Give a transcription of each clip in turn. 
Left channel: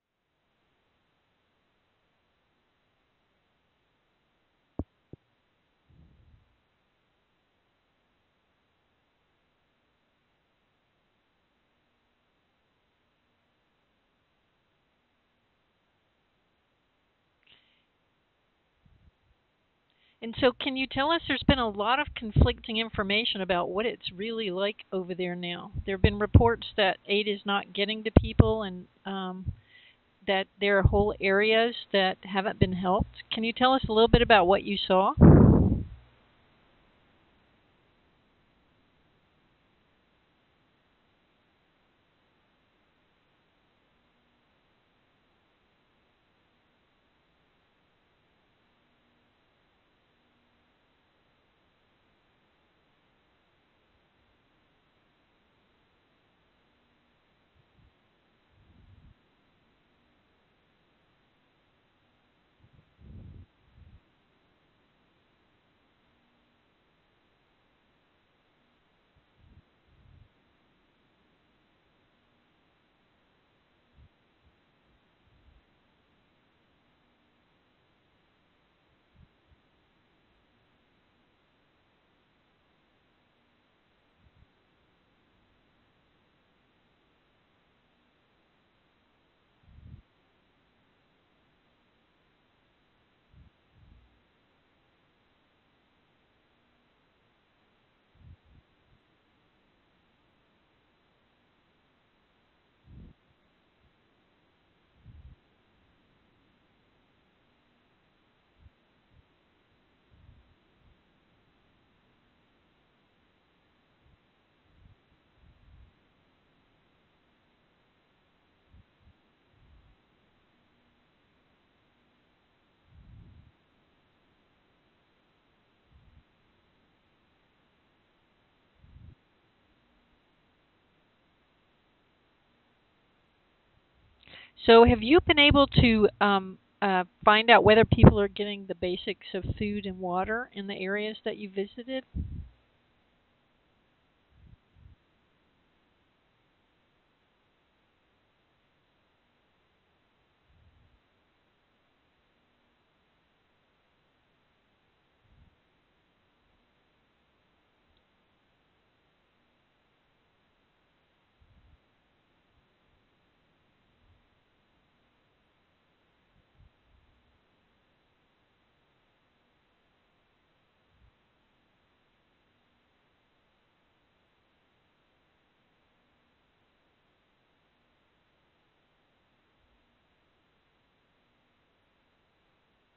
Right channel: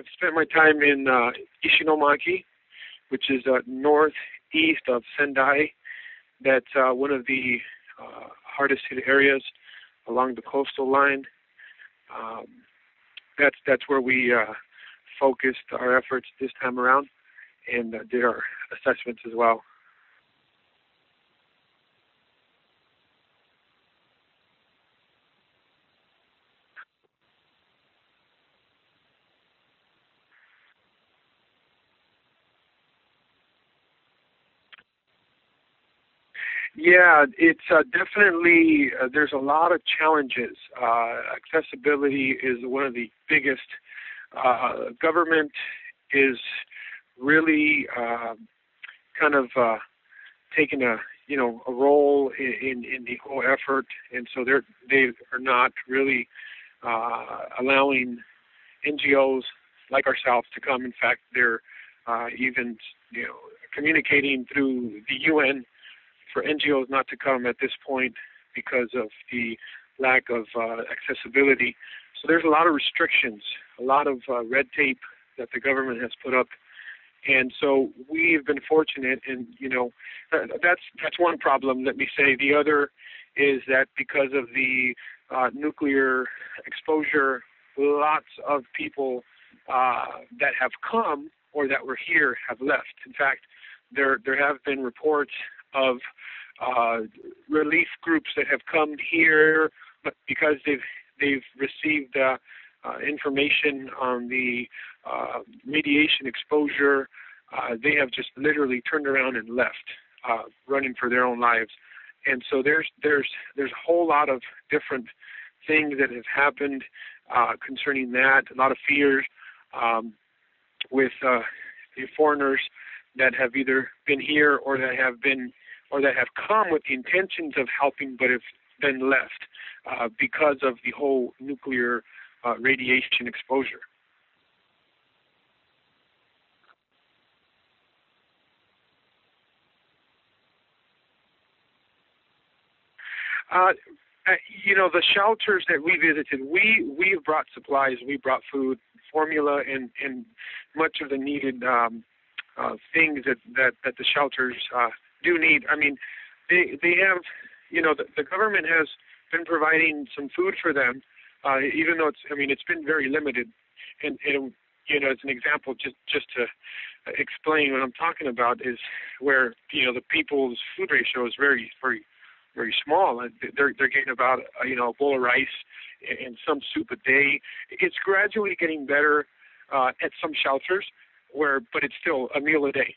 I've spent my time in Ishinomaki, which is northeast of Sendai. That's one of the hardest hit areas along the coastal line. Um, that's where we focused our efforts this time around and did our assessments as well. And so, can you tell us? There's been a lot of conflicting information about what it's really like over there now. There have been reports that aid is not getting to people, and that there are whole areas that haven't been helped. Can you tell us a little bit about what you saw? Yeah, it's definitely there's a lot of challenges. Accessibility is one of the biggest. Government is really kind of taking a role in the whole effort, and so they are not really allowing NGOs like ourselves to come. In fact, they're even communicating through the UN for NGOs not to come at this point because of the lack of accessibility. So there's a lot of restrictions, a lot of red tape that the government has put up. And so we've been fortunate, and that's one problem. Let me say the other is that because of the nuclear exposure, lots of people that have come or that were here have left. In fact, there have been reports of relief groups that have come here, but because they've received information on the radiation exposure, they have just literally turned around and left, running for their own lives. And so there's a whole lot of different things that have happened concerning that. A lot of fears with the foreigners that have either been here or that have come with the intentions of helping, but have been left because of the whole nuclear radiation exposure. So, have you been able to find out whether people are getting the basics of food and water in the areas that you visited? Uh, the shelters that we visited, we have brought supplies, we brought food, formula, and much of the needed things that the shelters do need. I mean, they have, the government has been providing some food for them, even though it's been very limited. And as an example, just to explain what I'm talking about is where the people's food ratio is very very very small. They're getting about a bowl of rice and some soup a day. It's gradually getting better at some shelters but it's still a meal a day.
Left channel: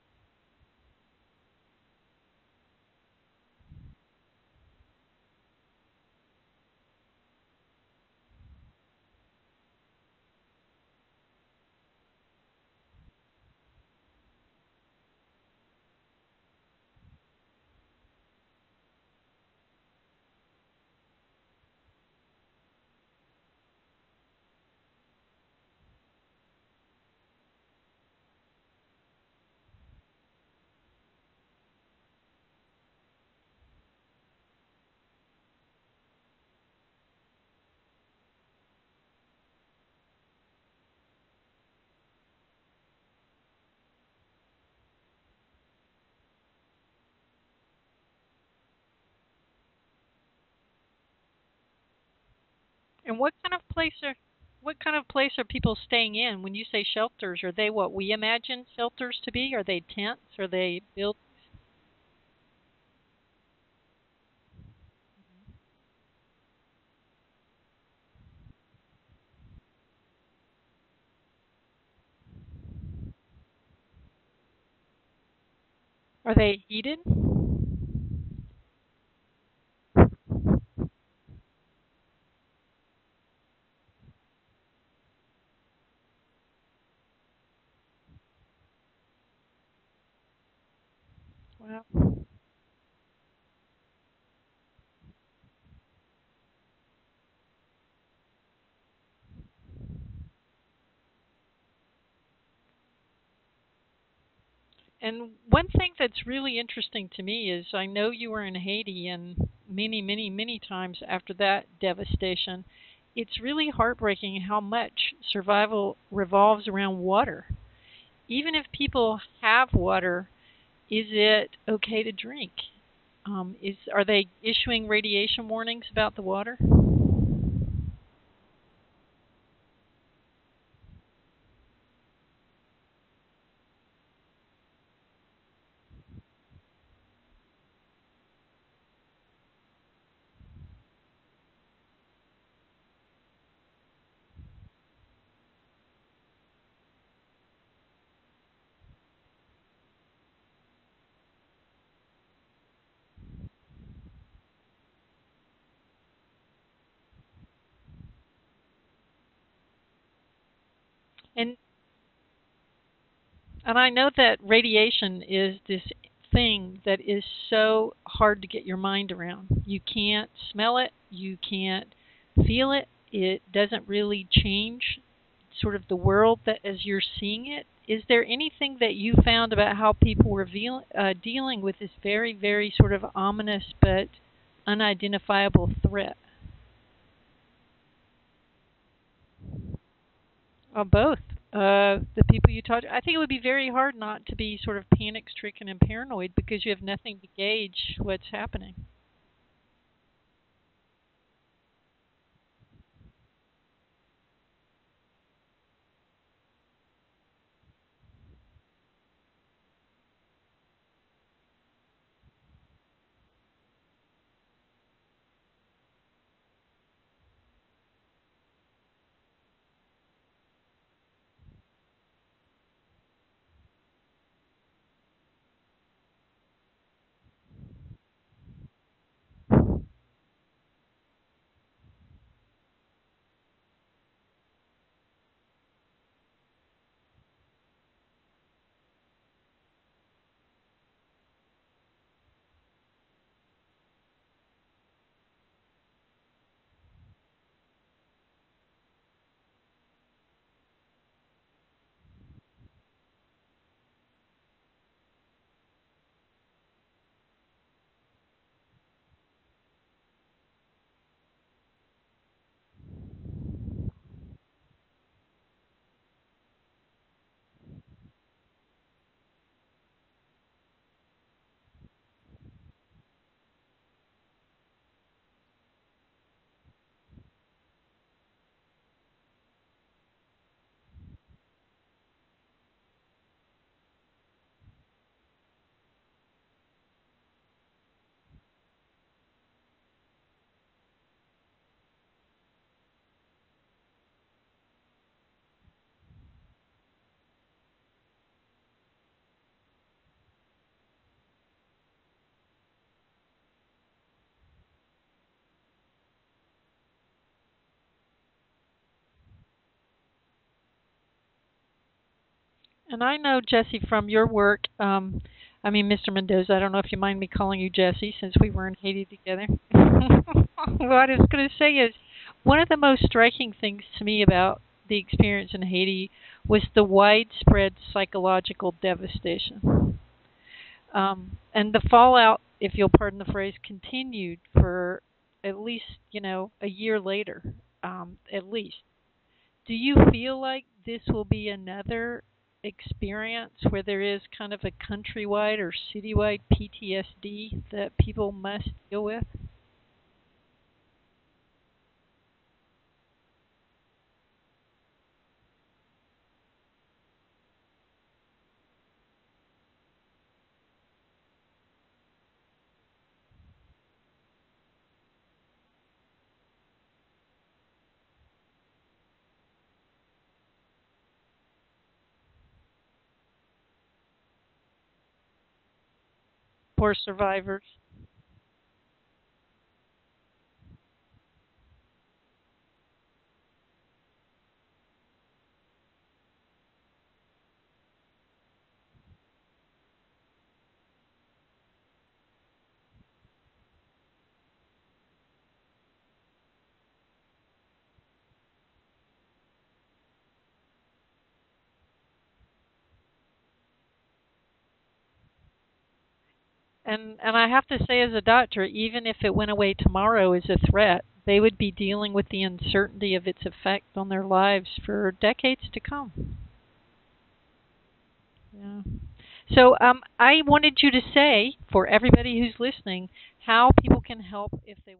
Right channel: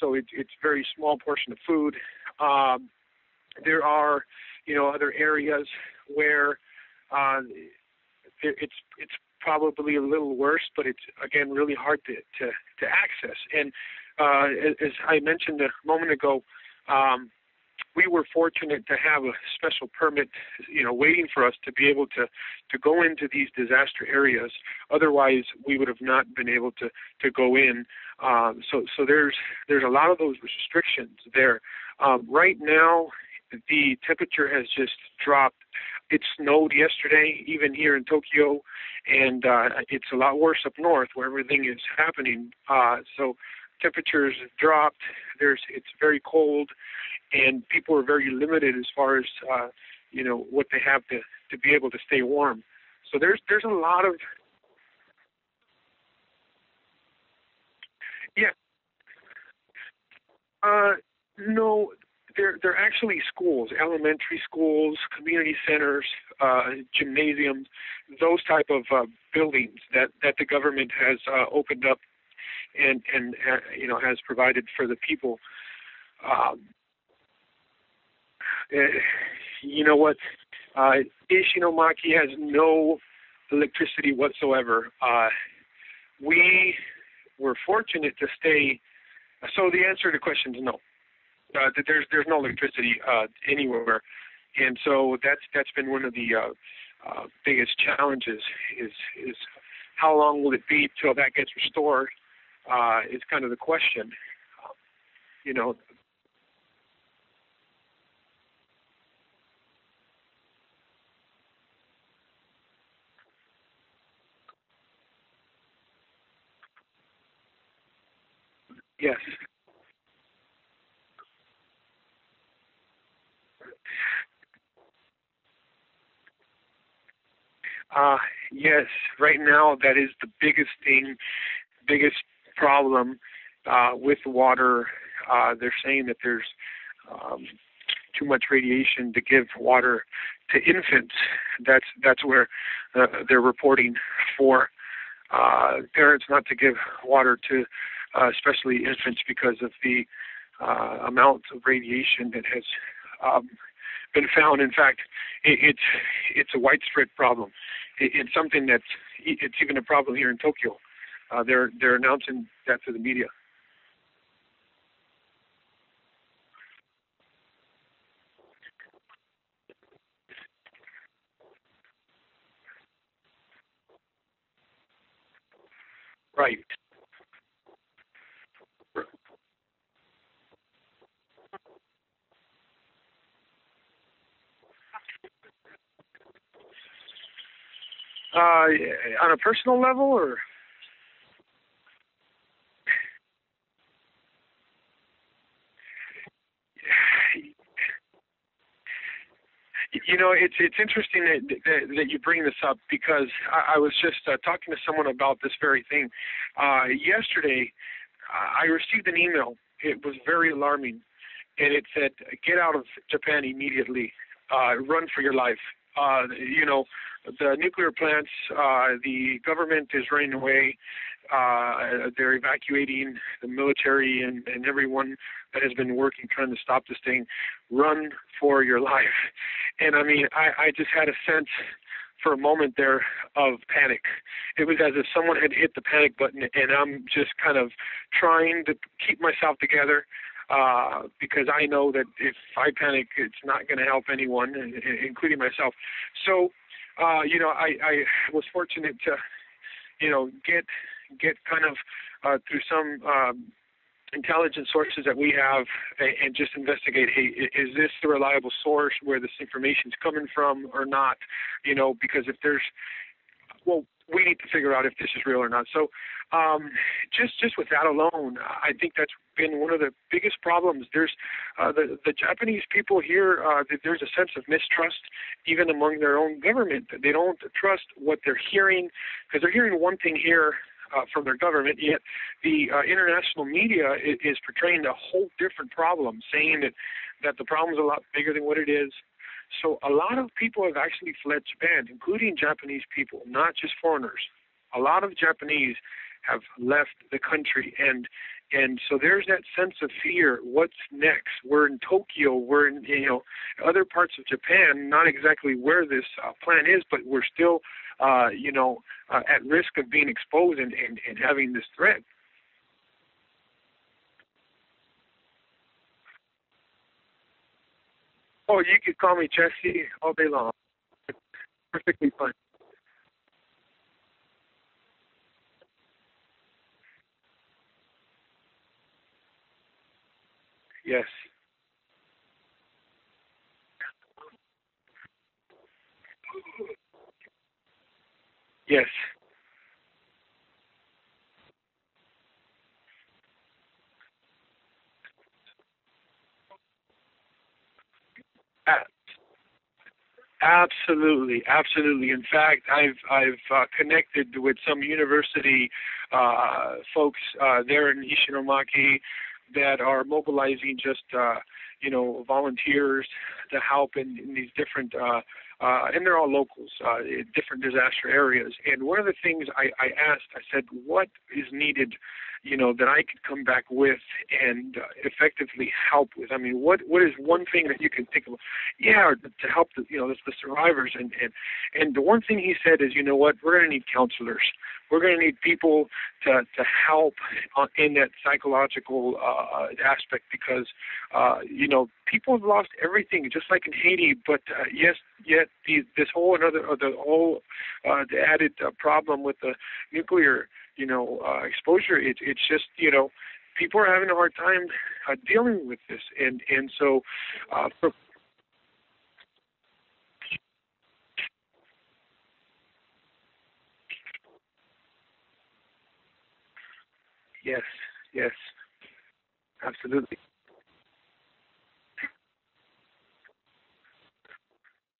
So it's very small portion of food. There are other areas where it's probably a little worse, but it's again really hard to access. And as I mentioned a moment ago, we were fortunate to have a special permit, waiting for us to be able to go into these disaster areas. Otherwise, we would have not been able to go in. So there's a lot of those restrictions there. Right now, the temperature has just dropped. It snowed yesterday, even here in Tokyo, and it's a lot worse up north where everything is happening. So temperatures have dropped. It's very cold, and people are very limited as far as what they have to be able to stay warm. And so there's a lot of. What kind of place are people staying in? When you say shelters, are they what we imagine shelters to be? Are they tents? Are they built? No, they're actually schools, elementary schools, community centers, gymnasiums, those type of buildings that the government has opened up and has provided for the people. Are they heated? You know what? Ishinomaki has no electricity whatsoever. We were fortunate to stay. So the answer to the question is no. There's no electricity anywhere, and so that's been one of the biggest challenges. Is how long will it be till that gets restored? Is kind of the question. And one thing that's really interesting to me is I know you were in Haiti and many, many, many times after that devastation, it's really heartbreaking how much survival revolves around water. Even if people Yes. have water, is it okay to drink? Are they issuing radiation warnings about the water? Uh, yes. Right now, that is the biggest thing, biggest problem with water. They're saying that there's um, too much radiation to give water to infants. That's where they're reporting for parents not to give water to, especially infants, because of the amount of radiation that has um, been found. In fact, it's a widespread problem. It's something it's even a problem here in Tokyo. And They're announcing that to the media. and I know that radiation is this thing that is so hard to get your mind around. You can't smell it, you can't feel it. It doesn't really change sort of the world that Right. as you're seeing it. Is there anything that you found about how people were dealing with this very, very sort of ominous but unidentifiable threat? On a personal level, or Both. The people you talk to, I think it would be very hard not to be sort of panic stricken and paranoid because you have nothing to gauge what's happening. it's interesting that you bring this up, because I was just talking to someone about this very thing yesterday. I received an email. It was very alarming, and it said, "Get out of Japan immediately. Run for your life." The nuclear plants. The government is running away. They're evacuating the military and everyone that has been working trying to stop this thing. Run for your life. And I mean, I just had a sense for a moment there of panic. It was as if someone had hit the panic button, and I'm just kind of trying to keep myself together, because I know that if I panic, it's not going to help anyone, including myself. So, I was fortunate to, get kind of through some intelligence sources that we have, and just investigate, hey, is this the reliable source where this information is coming from or not? Because if there's, well, we need to figure out if this is real or not. So just with that alone, I think that's been one of the biggest problems. There's the Japanese people here, there's a sense of mistrust even among their own government. They don't trust what they're hearing, because they're hearing one thing here from their government, yet the international media is portraying a whole different problem, saying that the problem is a lot bigger than what it is. So a lot of people have actually fled Japan, including Japanese people, not just foreigners. A lot of Japanese have left the country, and so there's that sense of fear. What's next? We're in Tokyo. We're in other parts of Japan, not exactly where this plant is, but we're still at risk of being exposed and having this threat. And I know, Jesse, from your work, Mr. Mendoza, I don't know if you mind me calling you Jesse since we Oh, were in you can Haiti call me together. Jesse all day long. What I was going to say is Perfectly fine. one of the most striking things to me about the experience in Haiti was the widespread psychological devastation. Yes. And the fallout, if you'll pardon the phrase, continued for at least, a year later, at least. Yes. Do you feel like this will be another experience where there is kind of a countrywide or citywide PTSD that people must deal with? Absolutely, absolutely. In fact, I've connected with some university folks there in Ishinomaki that are mobilizing just volunteers to help in these different and they're all locals in different disaster areas. And one of the things I asked, I said, what is needed, that I could come back with and effectively help with? I mean, what is one thing that you can think of? Yeah, to help the survivors. And the one thing he said is, what, we're going to need counselors. We're going to need people to help in that psychological aspect, because people have lost everything, just like in Haiti. But yet this whole the added problem with the nuclear exposure. It's just people are having a hard time dealing with this, and so And I have to say, as a doctor, even if it went away tomorrow as a threat, they would be dealing with the uncertainty of its effect on their lives for decades to come. yes, yes, Yeah. So absolutely. I wanted you to say, for everybody who's listening, how people can help if they